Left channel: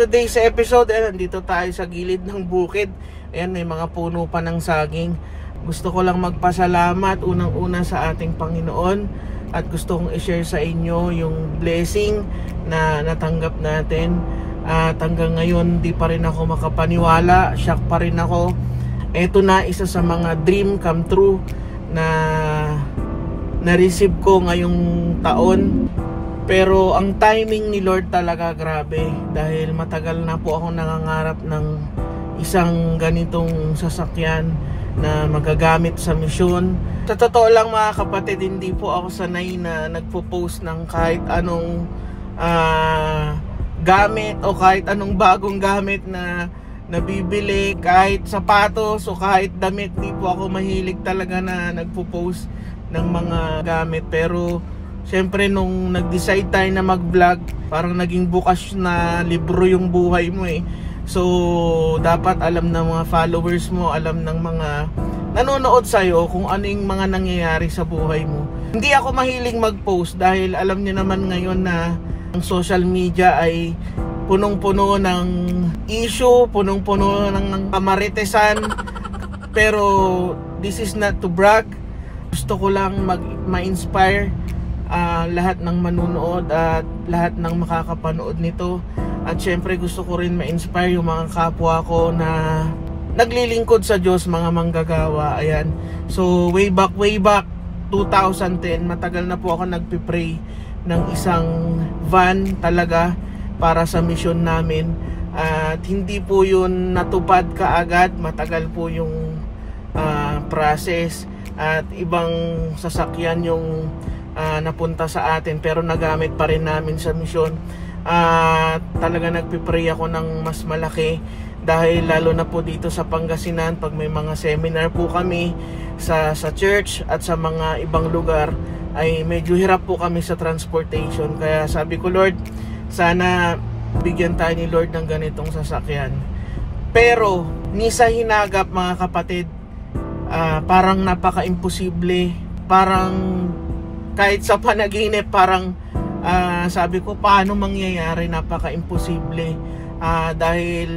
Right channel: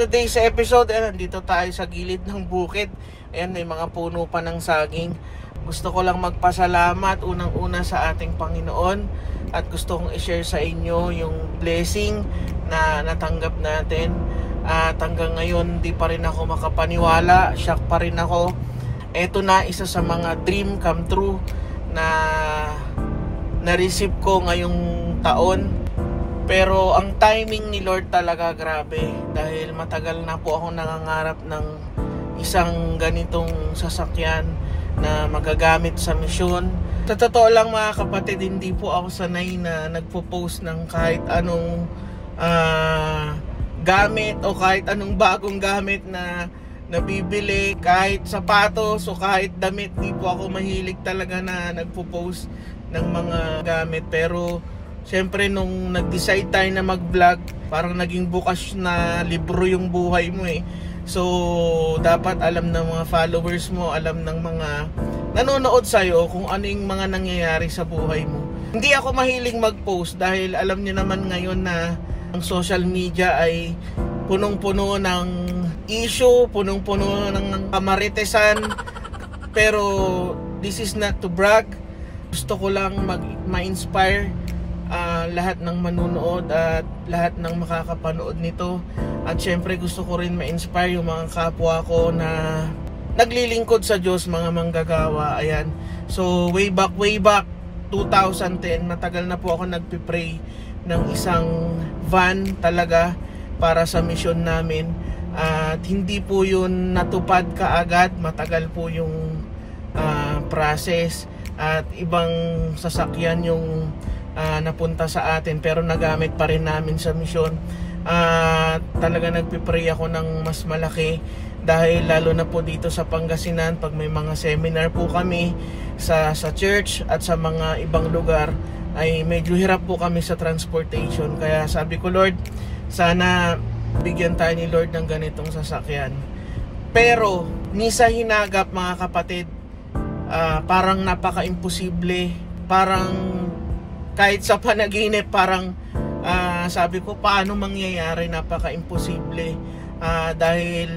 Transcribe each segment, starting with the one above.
today's episode, nandito tayo sa gilid ng bukid. Ayan, may mga puno pa ng saging. Gusto ko lang magpasalamat unang-una sa ating Panginoon at gusto kong i-share sa inyo yung blessing na natanggap natin. At hanggang ngayon, di pa rin ako makapaniwala. Shock pa rin ako. Ito na isa sa mga dream come true na na-receive ko ngayong taon. Pero ang timing ni Lord talaga grabe, dahil matagal na po ako nangangarap ng isang ganitong sasakyan na magagamit sa misyon. Sa totoo lang mga kapatid, hindi po ako sanay na nagpo-post ng kahit anong gamit o kahit anong bagong gamit na nabibili, kahit sapatos o kahit damit. Hindi po ako mahilig talaga na nagpo-post ng mga gamit. Pero siyempre nung nag-decide tayo na mag-vlog, parang naging bukas na libro yung buhay mo eh. So dapat alam ng mga followers mo, alam ng mga nanonood sa'yo kung ano yung mga nangyayari sa buhay mo. Hindi ako mahiling mag-post dahil alam niyo naman ngayon na ang social media ay punong-puno ng issue, punong-puno ng kamaritesan. Pero this is not to brag. Gusto ko lang ma-inspire lahat ng manunood at lahat ng makakapanood nito. At syempre gusto ko rin ma-inspire yung mga kapwa ko na naglilingkod sa Diyos, mga manggagawa. Ayan. So way back 2010, matagal na po ako nagpipray ng isang van talaga para sa mission namin. At hindi po yun natupad kaagad, matagal po yung process at ibang sasakyan yung napunta sa atin, pero nagamit pa rin namin sa misyon. Talaga nagpipray ako ng mas malaki, dahil lalo na po dito sa Pangasinan, pag may mga seminar po kami sa church at sa mga ibang lugar, ay medyo hirap po kami sa transportation. Kaya sabi ko, Lord, sana bigyan tayo ni Lord ng ganitong sasakyan. Pero ni sa hinagap mga kapatid, parang napaka-imposible. Parang kahit sa panaginip, parang sabi ko, paano mangyayari? Napaka-imposible. Dahil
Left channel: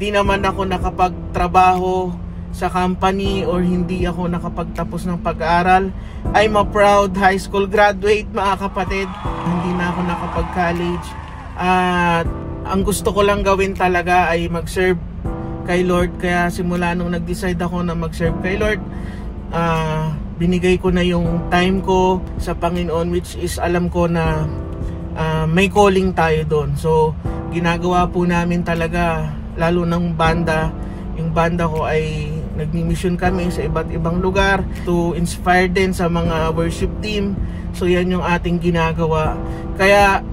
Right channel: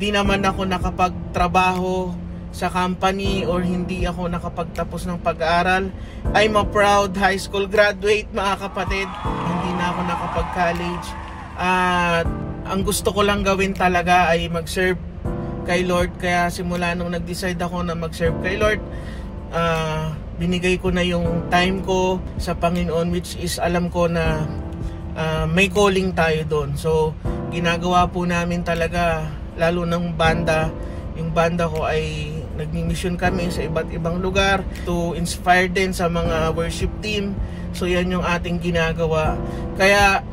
di naman ako nakapagtrabaho sa company or hindi ako nakapagtapos ng pag-aaral. I'm a proud high school graduate mga kapatid. Hindi na ako nakapag-college. At ang gusto ko lang gawin talaga ay mag-serve kay Lord. Kaya simula nung nag-decide ako na mag-serve kay Lord, binigay ko na yung time ko sa Panginoon, which is alam ko na may calling tayo doon. So ginagawa po namin talaga, lalo ng banda. Yung banda ko ay nagmi-mission kami sa iba't ibang lugar to inspire din sa mga worship team. So yan yung ating ginagawa. Kaya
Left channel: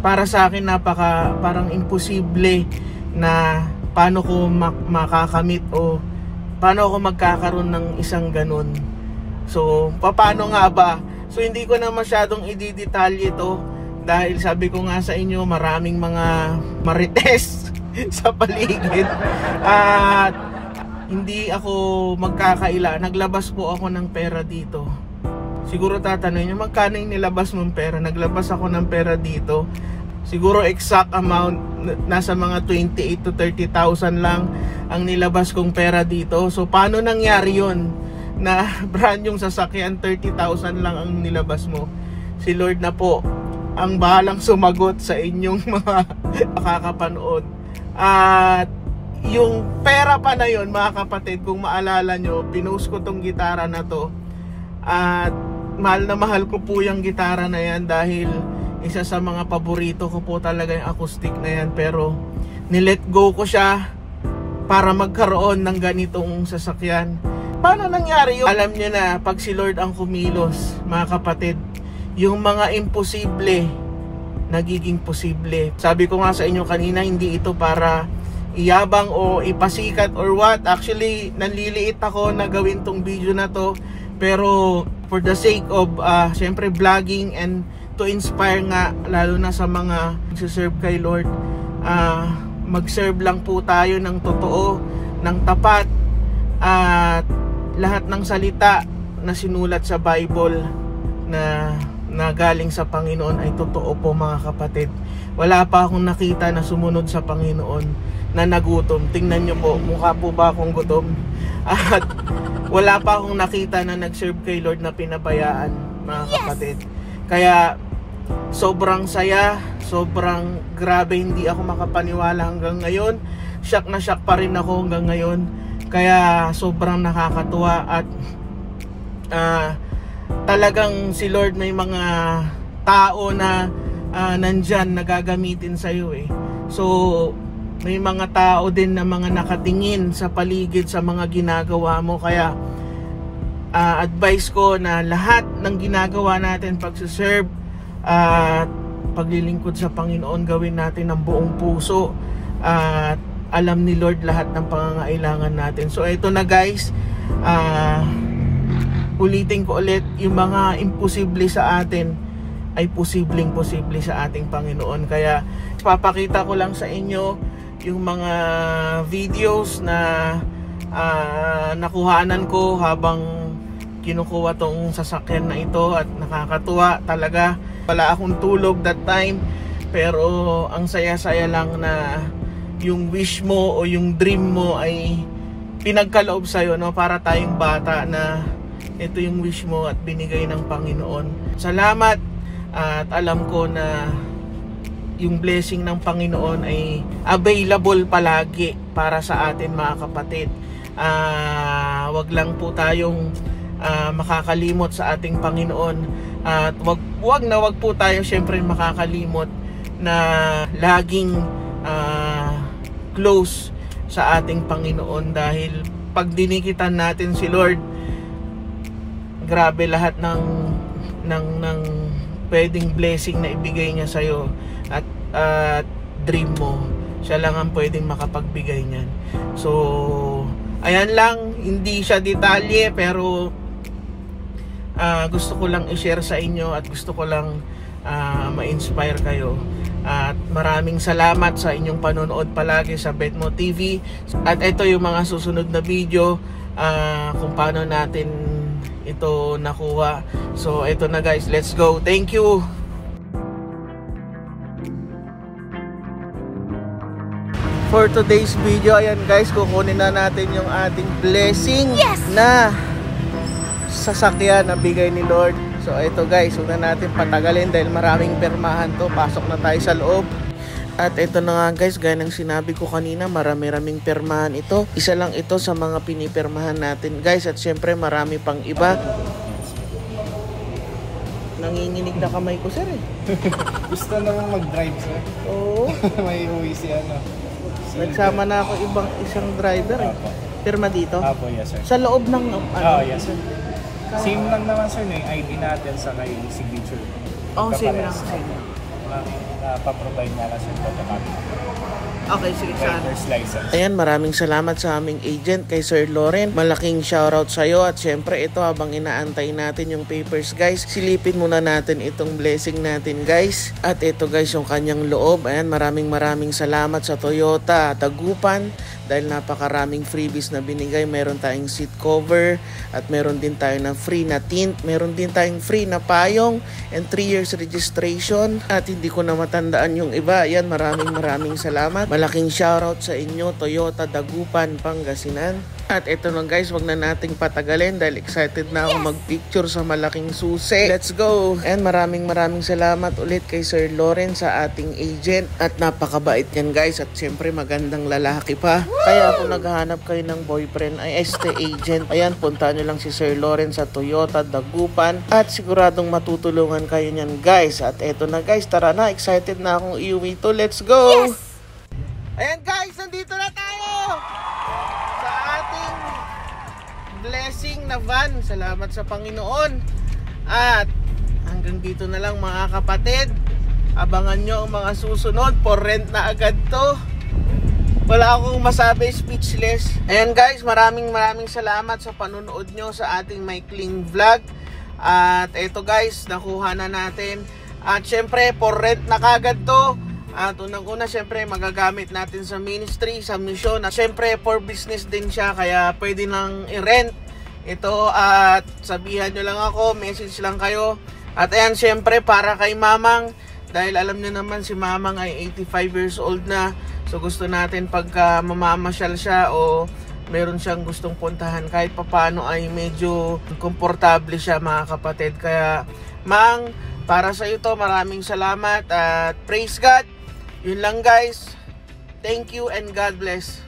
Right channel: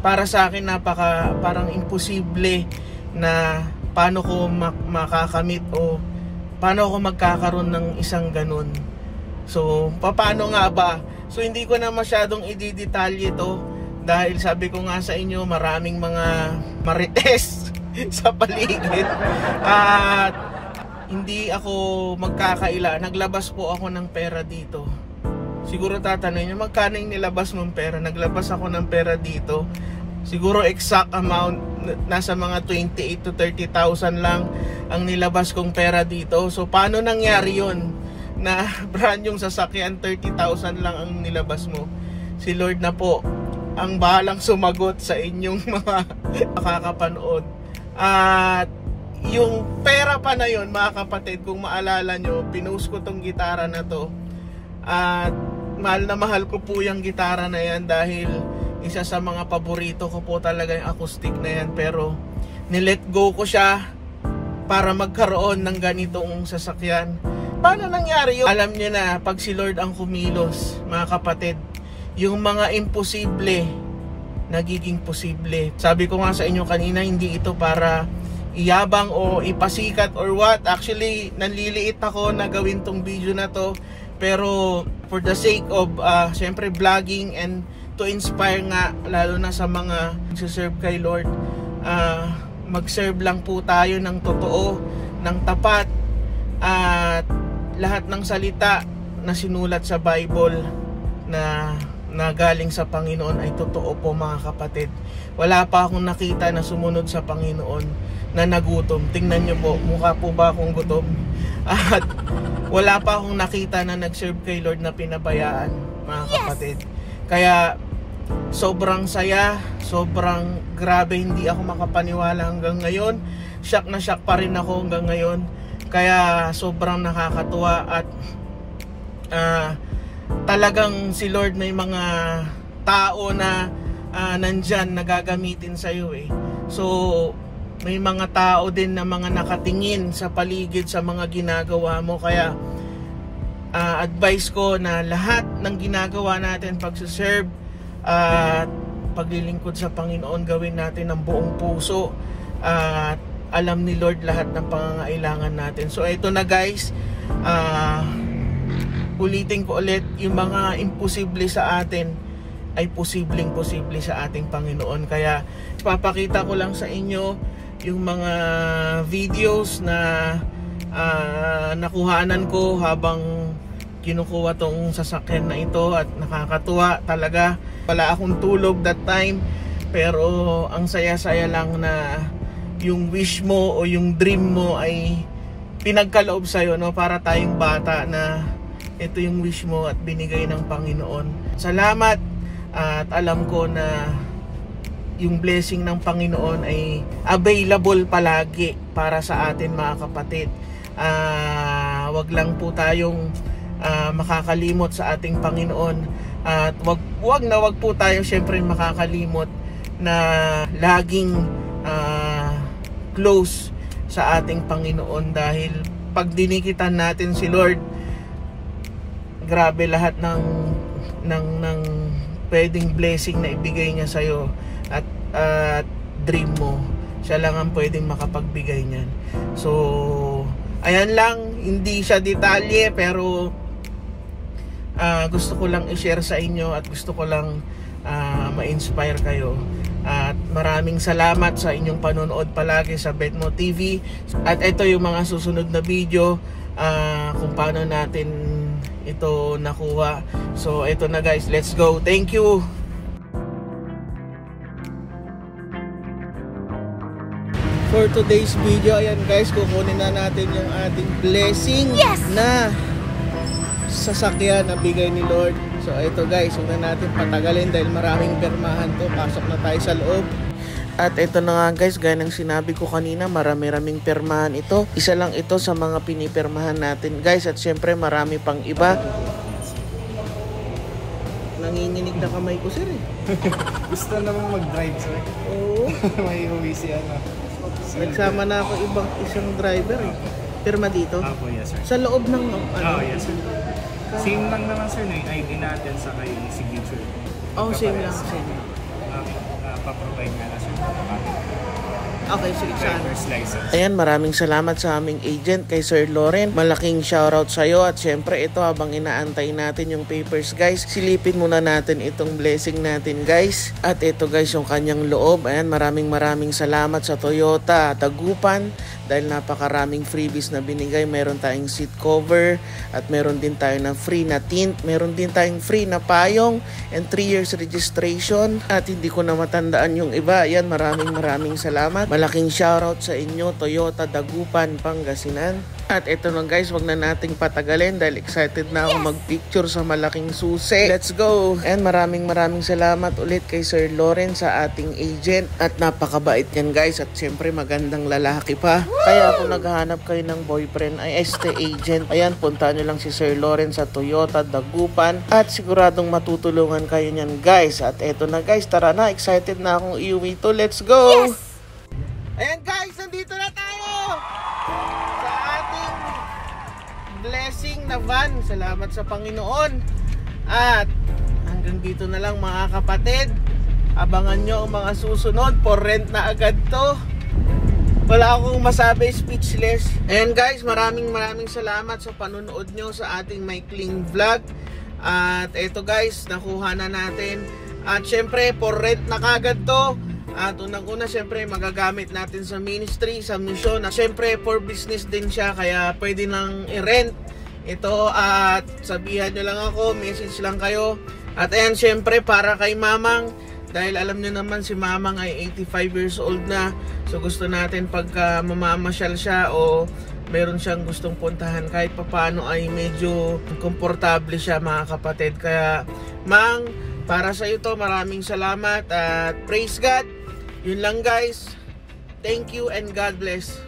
para sa akin parang imposible na paano ko makakamit o paano ako magkakaroon ng isang ganun. So paano nga ba? So hindi ko na masyadong i-detalye ito, dahil sabi ko nga sa inyo, maraming mga marites sa paligid. At hindi ako magkakaila. Naglabas po ako ng pera dito. Siguro tatanungin nyo, magkano yung nilabas mong pera? Naglabas ako ng pera dito. Siguro exact amount, nasa mga 28 to 30,000 lang ang nilabas kong pera dito. So paano nangyari yun? Na brand yung sasakyan, 30,000 lang ang nilabas mo. Si Lord na po ang bahalang sumagot sa inyong mga makakapanood. At yung pera pa na yun mga kapatid, kung maalala nyo, pinost ko tong gitara na to. At mahal na mahal ko po yung gitara na yan, dahil isa sa mga paborito ko po talaga yung acoustic na yan. Pero nilet go ko siya para magkaroon ng ganitong sasakyan. Paano nangyari yun? Alam nyo na, pag si Lord ang kumilos mga kapatid, yung mga imposible nagiging posible. Sabi ko nga sa inyo kanina, hindi ito para iyabang o ipasikat or what. Actually, nanliliit ako na gawin tong video na to. Pero for the sake of syempre vlogging and to inspire nga, lalo na sa mga nagsiserve kay Lord, mag-serve lang po tayo ng totoo, ng tapat, at lahat ng salita na sinulat sa Bible, na galing sa Panginoon ay totoo po mga kapatid. Wala pa akong nakita na sumunod sa Panginoon na nagutom. Tingnan nyo po, mukha po ba akong gutom? At wala pa akong nakita na nag-serve kay Lord na pinabayaan mga kapatid. Kaya sobrang saya, sobrang grabe, hindi ako makapaniwala hanggang ngayon. Shock na shock pa rin ako hanggang ngayon. Kaya sobrang nakakatuwa at talagang si Lord may mga tao na nandyan na gagamitin sa iyo eh. So may mga tao din na mga nakatingin sa paligid sa mga ginagawa mo. Kaya advice ko na lahat ng ginagawa natin pagsuserve at paglilingkod sa Panginoon, gawin natin ng buong puso at alam ni Lord lahat ng pangangailangan natin. So ito na guys, ulitin ko ulit, yung mga imposible sa atin ay posibleng sa ating Panginoon. Kaya papakita ko lang sa inyo yung mga videos na nakuhaanan ko habang kinukuha tong sasakyan na ito, at nakakatuwa talaga. Wala akong tulog that time, pero ang saya-saya lang na yung wish mo o yung dream mo ay pinagkaloob sa'yo, no? Para tayong bata na ito yung wish mo at binigay ng Panginoon. Salamat, at alam ko na yung blessing ng Panginoon ay available palagi para sa atin mga kapatid. Wag lang po tayong makakalimot sa ating Panginoon, at wag po tayo syempre makakalimot na laging close sa ating Panginoon, dahil pag dinikitan natin si Lord, grabe lahat ng pwedeng blessing na ibigay niya sa iyo at dream mo. Siya lang ang pwedeng makapagbigay niyan. So ayan lang, hindi siya detalye, pero gusto ko lang i-share sa inyo at gusto ko lang ma-inspire kayo. At maraming salamat sa inyong panonood palagi sa Betmo TV. At ito yung mga susunod na video kung paano natin ito nakuha. So ito na guys, let's go. Thank you. For today's video, ayan guys, kukunin na natin yung ating blessing na sasakyan na bigay ni Lord. So ito guys, huwag na natin patagalin dahil maraming permahan to. Pasok na tayo sa loob. At ito na nga guys, gaya ng sinabi ko kanina, marami-raming permahan ito. Isa lang ito sa mga pinipirmahan natin guys. At syempre marami pang iba. Nanginginig na kamay ko sir eh. Gusto naman mag-drive sir. Oo. May uwi si ano. Nagsama na ako isang driver eh. Pirma dito? Apo, yes sir. Sa loob ng ano? Yes sir. Same lang naman sir, yung ID natin sa kay signature. Oh, same lang, same lang. Pa-provide nga na sir. Okay, sige saan. License. Ayan, maraming salamat sa aming agent kay Sir Loren. Malaking shoutout sa iyo. At syempre ito, habang inaantay natin yung papers guys, silipin muna natin itong blessing natin guys. At ito guys, yung kanyang loob. Ayan, maraming salamat sa Toyota Dagupan dahil napakaraming freebies na binigay. Meron tayong seat cover at meron din tayo ng free na tint. Meron din tayong free na payong and 3 years registration. At hindi ko na matandaan yung iba. Ayan, maraming salamat. Malaking shoutout sa inyo, Toyota Dagupan, Pangasinan. At ito lang guys, wag na nating patagalin dahil excited na ako magpicture sa malaking susi. Let's go! And maraming salamat ulit kay Sir Loren sa ating agent. At napakabait yan guys, at syempre magandang lalaki pa. Kaya kung naghahanap kayo ng boyfriend ay agent, ayan, punta nyo lang si Sir Loren sa Toyota Dagupan at siguradong matutulungan kayo nyan guys. At eto na guys, tara na, excited na akong iuwi to. Let's go! Yes! Ayan guys, nandito na tayo sa ating blessing na van. Salamat sa Panginoon. At hanggang dito na lang mga kapatid. Abangan nyo ang mga susunod. For rent na agad to. Wala akong masabi, speechless. Ayan guys, maraming salamat sa panunood nyo sa ating maikling vlog. At eto guys, nakuha na natin. At syempre, for rent na kagad to. At unang-una, syempre, magagamit natin sa ministry, sa mission. At syempre, for business din siya, kaya pwede nang i-rent ito. At sabihan nyo lang ako, message lang kayo. At ayan, syempre para kay Mamang, dahil alam nyo naman si Mamang ay 85 years old na. So gusto natin pagka mamamasyal siya o meron siyang gustong puntahan, kahit papano ay medyo komportable siya mga kapatid. Kaya Mang, para sa ito, maraming salamat at praise God. Yun lang guys. Thank you and God bless.